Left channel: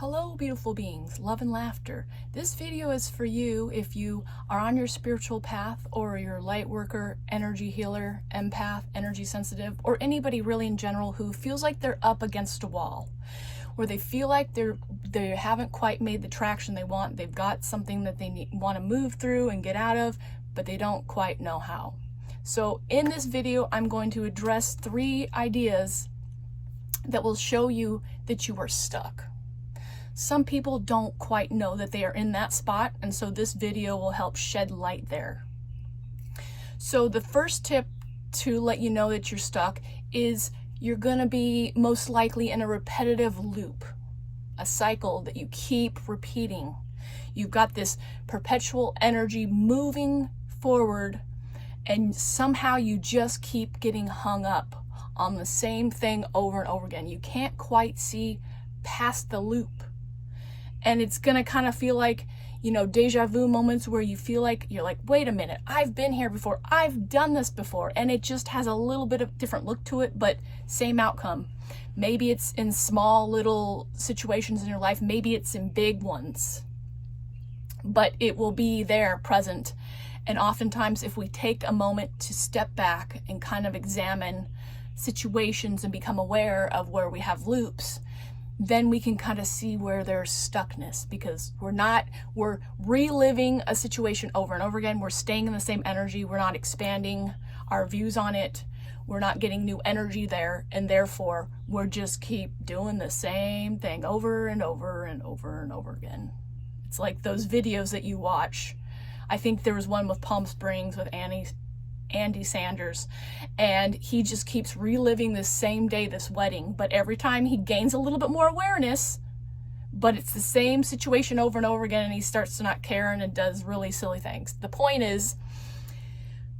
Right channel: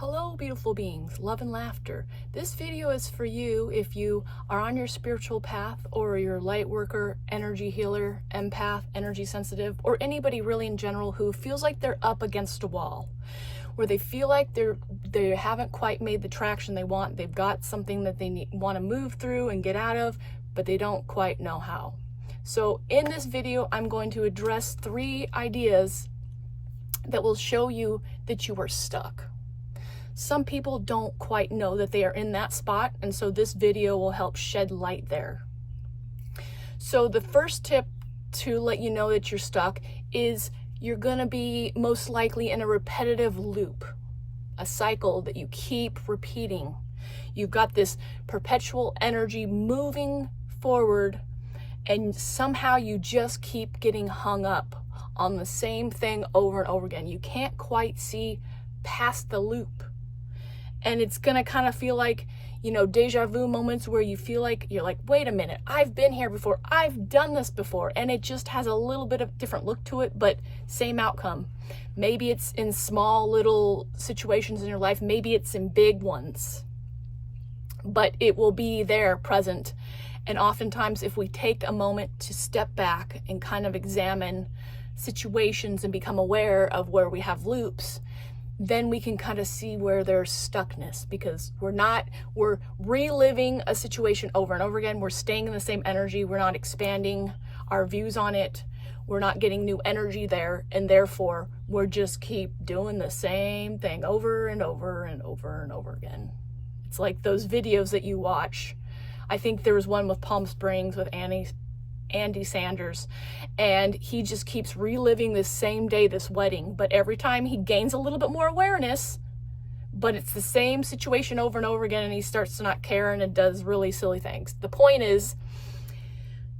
Hello, beautiful beings, love and laughter. This video is for you if you are on your spiritual path, or you're a light worker, energy healer, empath, energy sensitive, or anybody really in general who feels like they're up against a wall, where they feel like they haven't quite made the traction they want. They've got something that they want to move through and get out of, but they don't quite know how. So in this video, I'm going to address 3 ideas that will show you that you are stuck. Some people don't quite know that they are in that spot, and so this video will help shed light there. So the first tip to let you know that you're stuck is you're going to be most likely in a repetitive loop, a cycle that you keep repeating. You've got this perpetual energy moving forward, and somehow you just keep getting hung up on the same thing over and over again. You can't quite see past the loop. And it's gonna kind of feel like, deja vu moments where you feel like you're like, wait a minute, I've been here before, I've done this before, and it just has a little bit of different look to it, but same outcome. Maybe it's in small little situations in your life, maybe it's in big ones, but it will be there present. And oftentimes, if we take a moment to step back and kind of examine situations and become aware of where we have loops, then we can kind of see where there's stuckness, because we're reliving a situation over and over again. We're staying in the same energy. We're not expanding our views on it. We're not getting new energy there. And therefore, we're just keep doing the same thing over and over and over and over again. It's like those videos that you watch. I think there was one with Palm Springs with Andy Sanders, and he just keeps reliving this same day, this wedding, but every time he gains a little bit more awareness, but it's the same situation over and over again, and he starts to not care and does really silly things. The point is,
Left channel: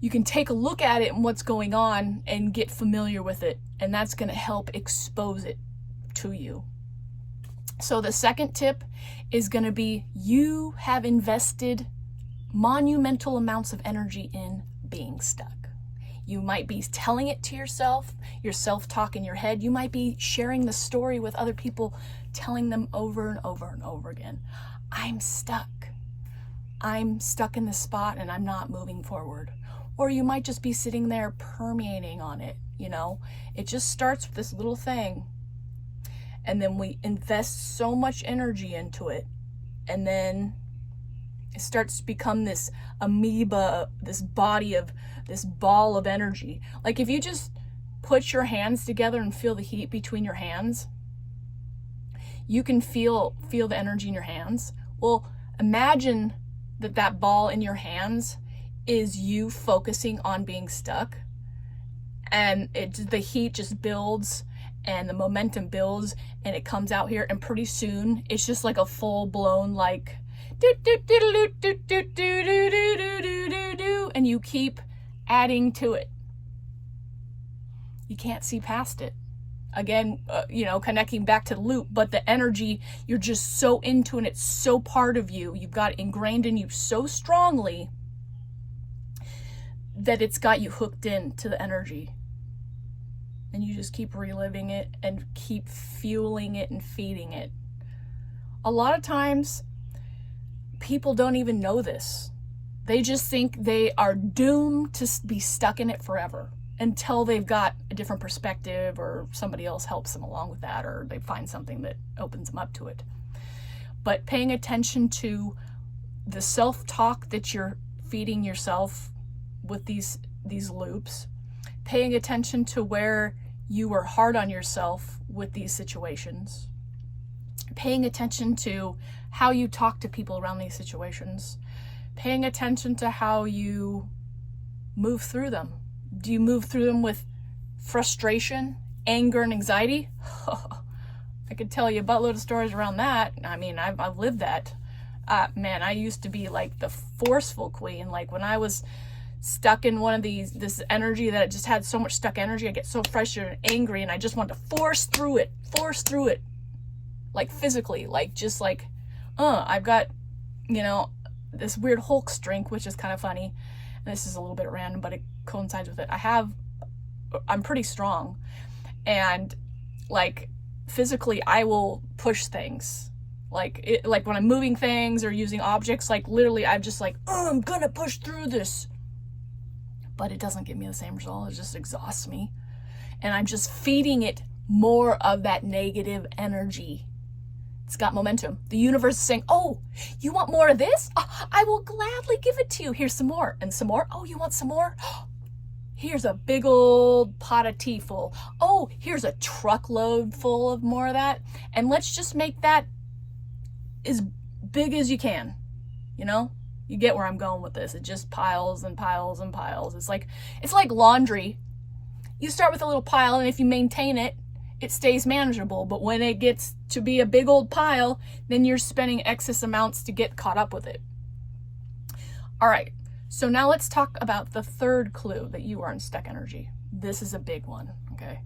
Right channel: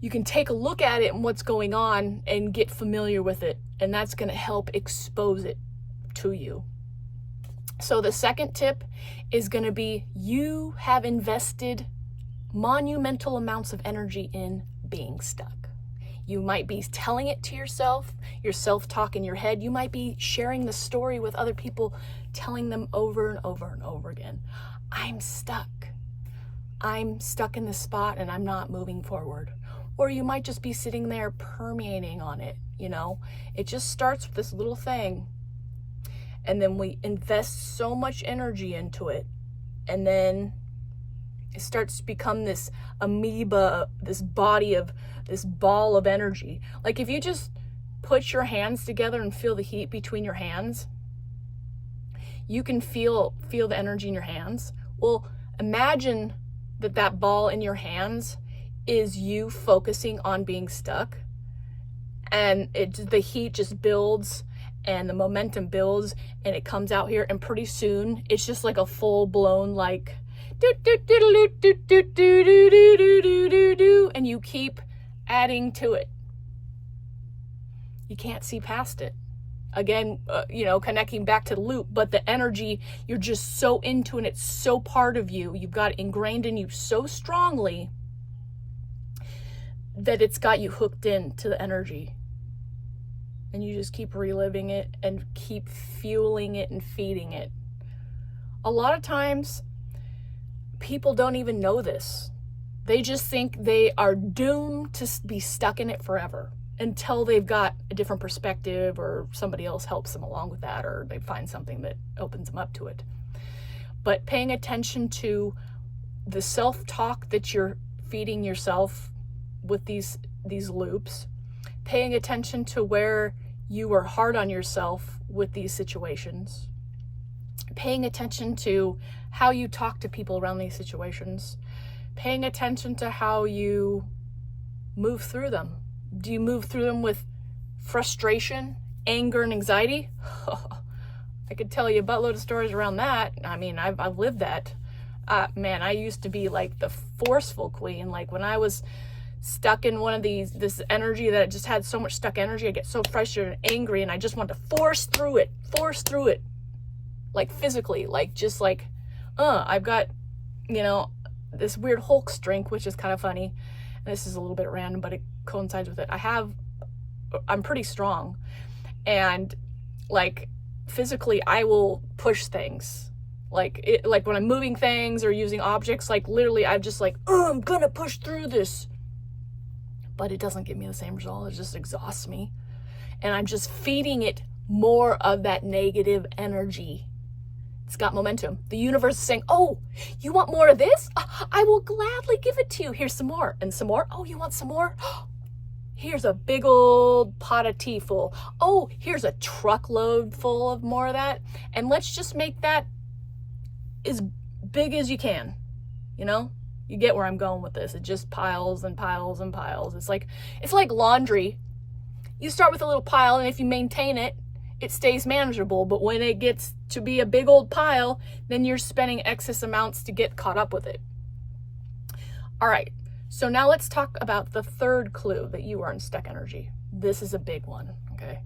you can take a look at it and what's going on and get familiar with it, and that's going to help expose it to you. So the second tip is going to be, you have invested monumental amounts of energy in being stuck. You might be telling it to yourself, your self-talk in your head. You might be sharing the story with other people, telling them over and over and over again, I'm stuck. I'm stuck in this spot and I'm not moving forward. Or you might just be sitting there permeating on it. It just starts with this little thing, and then we invest so much energy into it, and then it starts to become this amoeba, this ball of energy. Like if you just put your hands together and feel the heat between your hands, you can feel the energy in your hands. Well, imagine that ball in your hands is you focusing on being stuck, and the heat just builds and the momentum builds and it comes out here, and pretty soon it's just like a full-blown and you keep adding to it. You can't see past it. Again, connecting back to the loop, but the energy, you're just so into it, and it's so part of you. You've got it ingrained in you so strongly that it's got you hooked into the energy. And you just keep reliving it and keep fueling it and feeding it. A lot of times, people don't even know this. They just think they are doomed to be stuck in it forever until they've got a different perspective, or somebody else helps them along with that, or they find something that opens them up to it. But paying attention to the self-talk that you're feeding yourself with these loops, paying attention to where you are hard on yourself with these situations, paying attention to how you talk to people around these situations, paying attention to how you move through them. Do you move through them with frustration, anger, and anxiety? I could tell you a buttload of stories around that. I mean, I've lived that. Man, I used to be like the forceful queen. Like when I was stuck in one of this energy that just had so much stuck energy, I get so frustrated and angry, and I just want to force through it, like physically, I've got, this weird Hulk strength, which is kind of funny. And this is a little bit random, but it coincides with it. I'm pretty strong, and like physically I will push things Like when I'm moving things or using objects, like literally I'm just like, oh, I'm gonna push through this. But it doesn't give me the same result. It just exhausts me. And I'm just feeding it more of that negative energy. It's got momentum. The universe is saying, oh, you want more of this? I will gladly give it to you. Here's some more. And some more. Oh, you want some more? Here's a big old pot of tea full. Oh, here's a truckload full of more of that. And let's just make that as big as you can. You know? You get where I'm going with this. It just piles and piles and piles. It's like laundry. You start with a little pile, and if you maintain it, it stays manageable. But when it gets to be a big old pile, then you're spending excess amounts to get caught up with it. All right. So now let's talk about the third clue that you are in stuck energy. This is a big one, okay?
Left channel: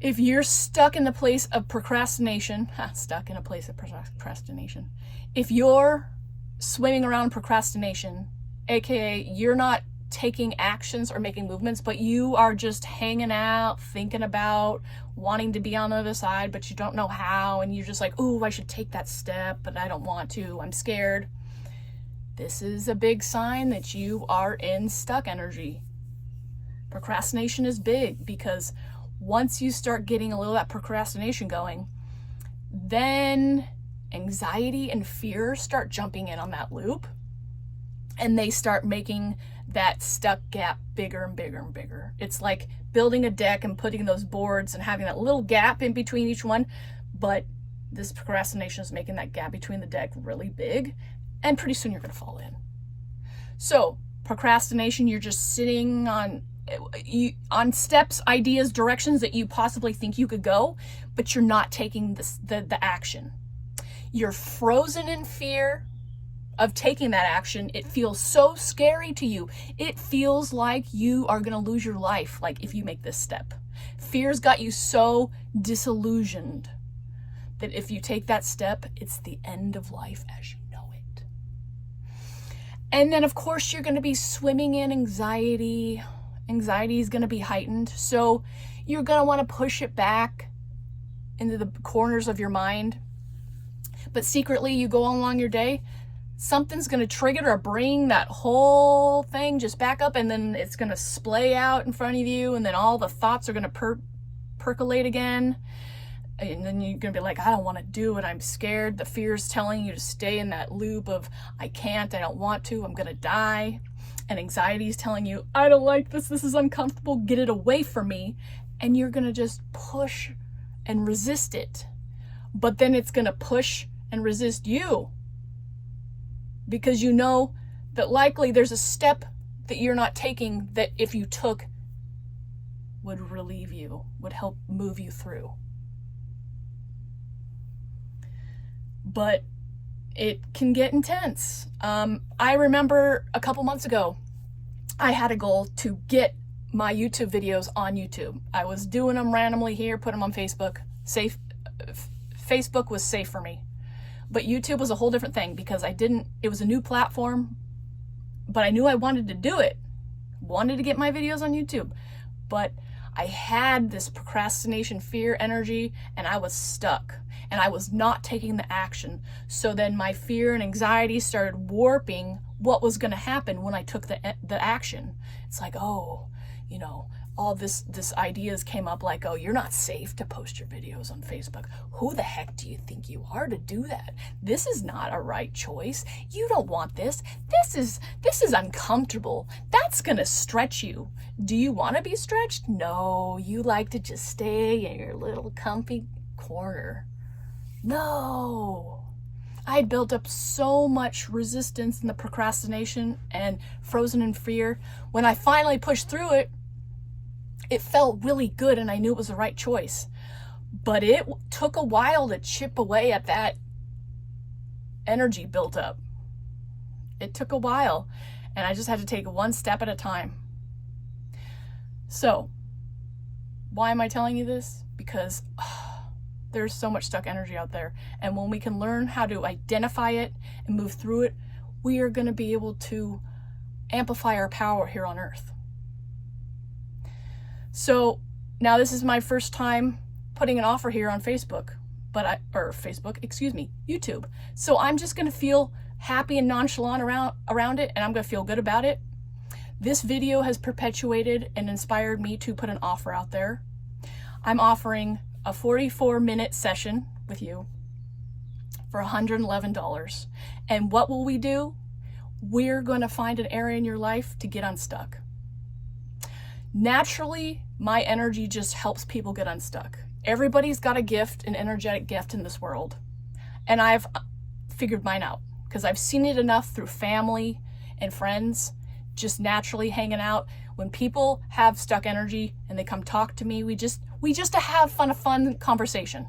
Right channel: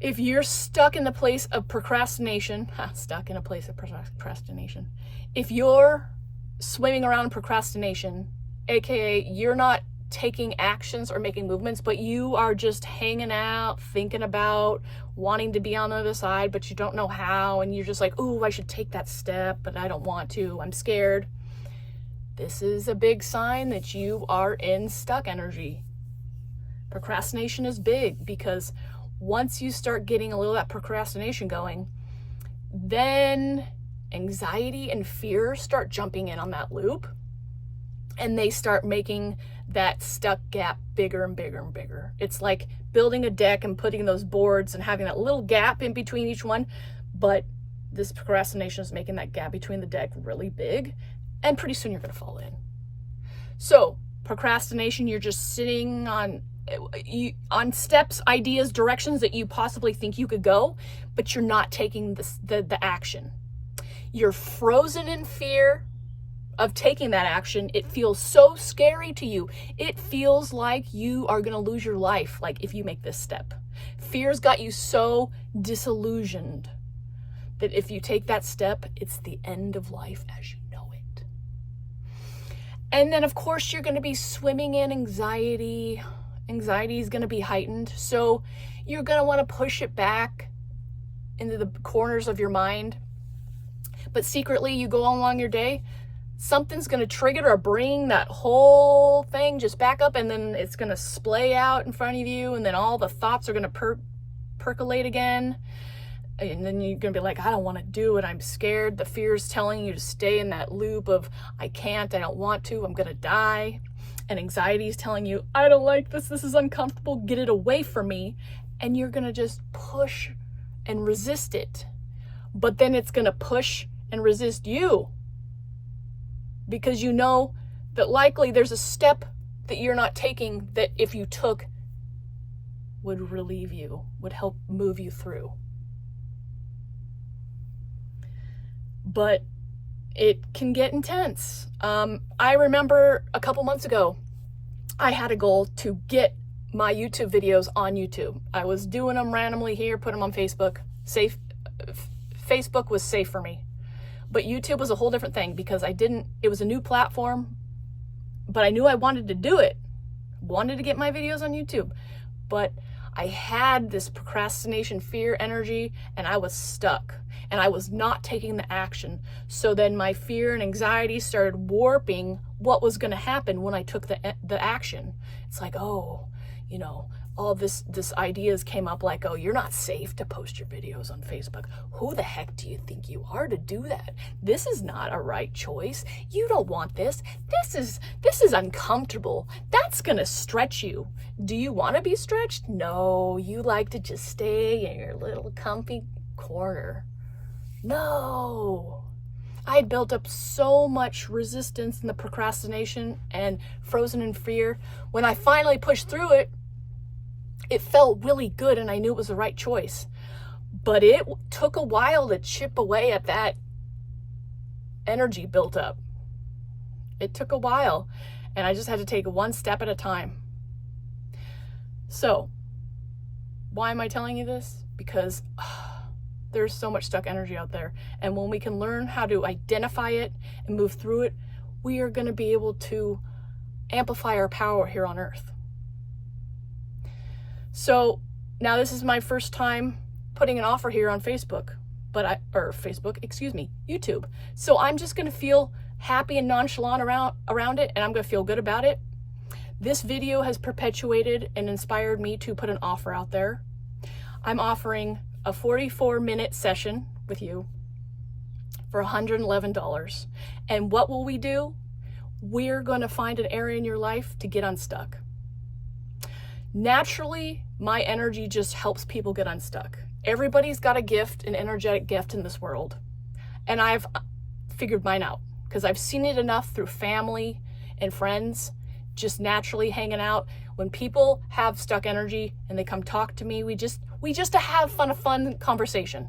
If you're stuck in the place of procrastination, if you're swimming around procrastination, aka you're not taking actions or making movements, but you are just hanging out, thinking about wanting to be on the other side, but you don't know how, and you're just like, oh, I should take that step, but I don't want to, I'm scared. This is a big sign that you are in stuck energy. Procrastination is big because once you start getting a little of that procrastination going, then anxiety and fear start jumping in on that loop, and they start making that stuck gap bigger and bigger and bigger. It's like building a deck and putting those boards and having that little gap in between each one, but this procrastination is making that gap between the deck really big, and pretty soon you're going to fall in. So procrastination, you're just sitting on steps, ideas, directions that you possibly think you could go, but you're not taking the action. You're frozen in fear of taking that action. It feels so scary to you. It feels like you are going to lose your life, like if you make this step. Fear's got you so disillusioned that if you take that step, it's the end of life as you know it. And then, of course, you're going to be swimming in anxiety. Anxiety is going to be heightened. So you're going to want to push it back into the corners of your mind. But secretly, you go along your day, something's going to trigger or bring that whole thing just back up, and then it's going to splay out in front of you, and then all the thoughts are going to percolate again. And then you're going to be like, I don't want to do it. I'm scared. The fear is telling you to stay in that loop of, I can't, I don't want to, I'm going to die. And anxiety is telling you, I don't like this. This is uncomfortable. Get it away from me. And you're going to just push and resist it. But then it's going to push and resist you, because you know that likely there's a step that you're not taking that if you took would relieve you, would help move you through. But it can get intense. I remember a couple months ago, I had a goal to get my YouTube videos on YouTube. I was doing them randomly here, put them on Facebook. Facebook was safe for me. But YouTube was a whole different thing because it was a new platform, but I knew I wanted to do it. Wanted to get my videos on YouTube. But I had this procrastination, fear, energy, and I was stuck. And I was not taking the action. So then my fear and anxiety started warping what was going to happen when I took the action. It's like, oh, you know, all this ideas came up like, oh, you're not safe to post your videos on Facebook. Who the heck do you think you are to do that? This is not a right choice. You don't want this. This is uncomfortable. That's going to stretch you. Do you want to be stretched? No, you like to just stay in your little comfy corner. No. I had built up so much resistance in the procrastination and frozen in fear. When I finally pushed through it, it felt really good and I knew it was the right choice. But it took a while to chip away at that energy built up. It took a while, and I just had to take one step at a time. So, why am I telling you this? Because there's so much stuck energy out there. And when we can learn how to identify it and move through it, we are going to be able to amplify our power here on earth. So now this is my first time putting an offer here on Facebook. or Facebook, excuse me, YouTube. So I'm just going to feel happy and nonchalant around it, and I'm going to feel good about it. This video has perpetuated and inspired me to put an offer out there. I'm offering a 44-minute session with you for $111. And what will we do? We're going to find an area in your life to get unstuck. Naturally, my energy just helps people get unstuck. Everybody's got a gift, an energetic gift in this world. And I've figured mine out because I've seen it enough through family and friends, just naturally hanging out. When people have stuck energy and they come talk to me, we just have a fun conversation.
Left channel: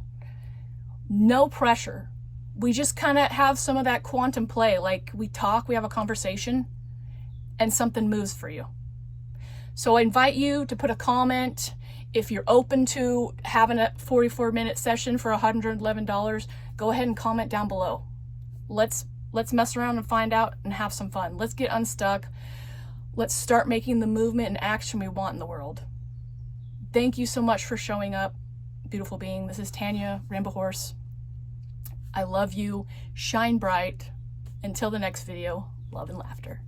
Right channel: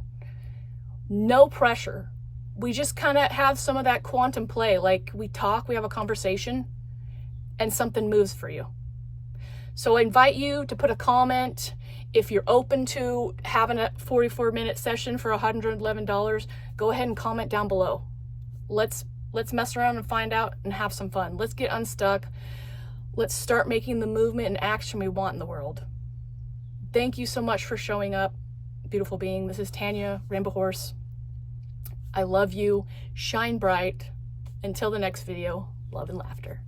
No pressure. We just kind of have some of that quantum play. Like we talk, we have a conversation, and something moves for you. So I invite you to put a comment. If you're open to having a 44-minute session for $111, go ahead and comment down below. Let's mess around and find out and have some fun. Let's get unstuck. Let's start making the movement and action we want in the world. Thank you so much for showing up, beautiful being. This is Tanya, Rainbow Horse. I love you. Shine bright. Until the next video, love and laughter.